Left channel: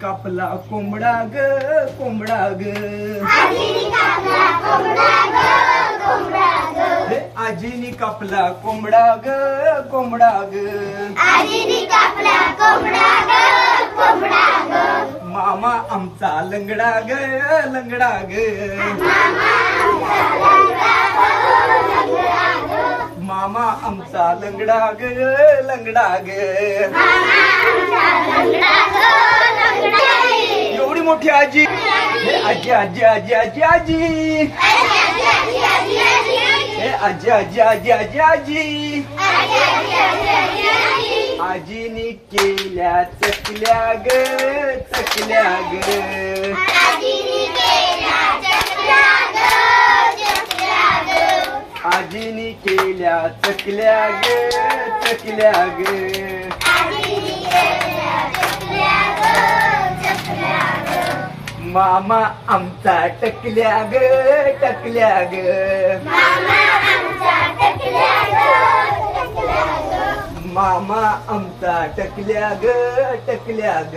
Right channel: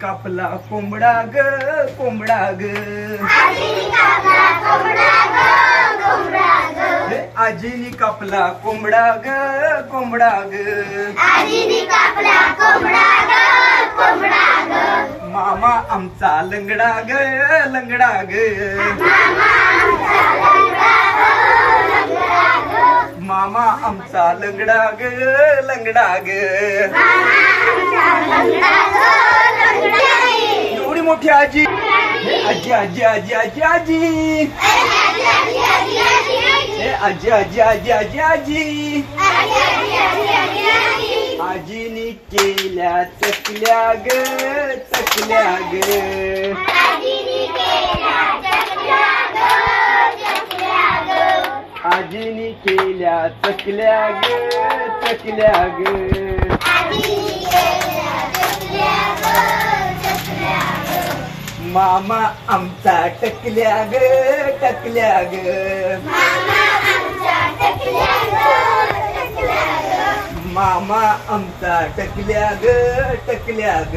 कापला कोंबडा ग कोंबडा ग आजीनी कापला कोंबडा ग कोंबडा ग मामा आमचा लंगडा ग लंगडा ग मामा आमचा लंगडा ग लंगडा ग एवढी मोठी आजी आजी आजी आजी आजी आजी आजी आजी आजी आजी आजी आजीनी केल्या चकल्या ग चकल्या ग आजीनी केल्या चकल्या ग चकल्या ग मामा आमचा टकल्या ग टकल्या ग मामा आमचा टकल्या ग टकल्या ग